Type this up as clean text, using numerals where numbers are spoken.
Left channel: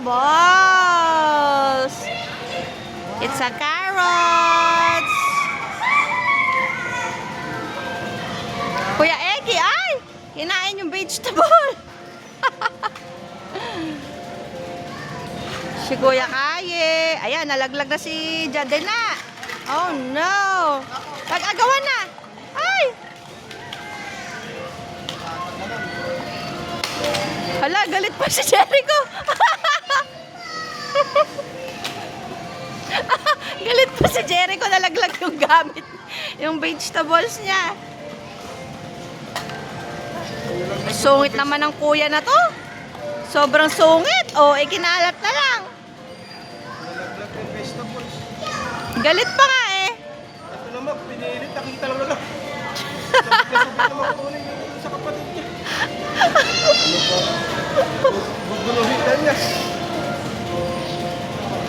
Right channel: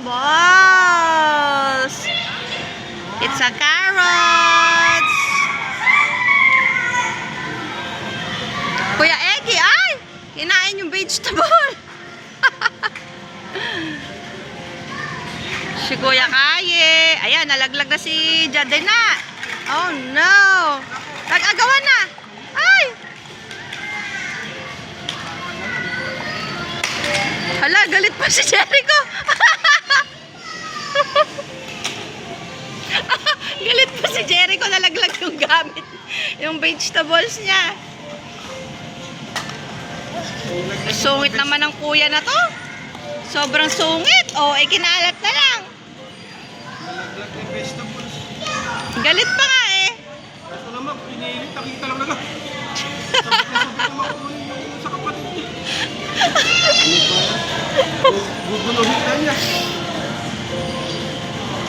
vegetables. It's a carrots. Kuya Eddie, ay! Kinain yung vegetable. Si Kuya Kaye. Ayan, nalaglag na si Jadena. Oh no. Nag-agawan na. Ay! Hala, galit pa si Jericho. Galit pa si Jericho, nalaglag yung gamit. Yung vegetables niya. Sungit naman ng kuya na to. Sobrang sungit. O, kinalat na lang. Nalaglag na vegetables. Galit pa nga eh. Ito naman, pinilit. Nakita lang nalang. Sabit na makunin yung sa kapatid niya. Ano ba? Guguluhin ka niya.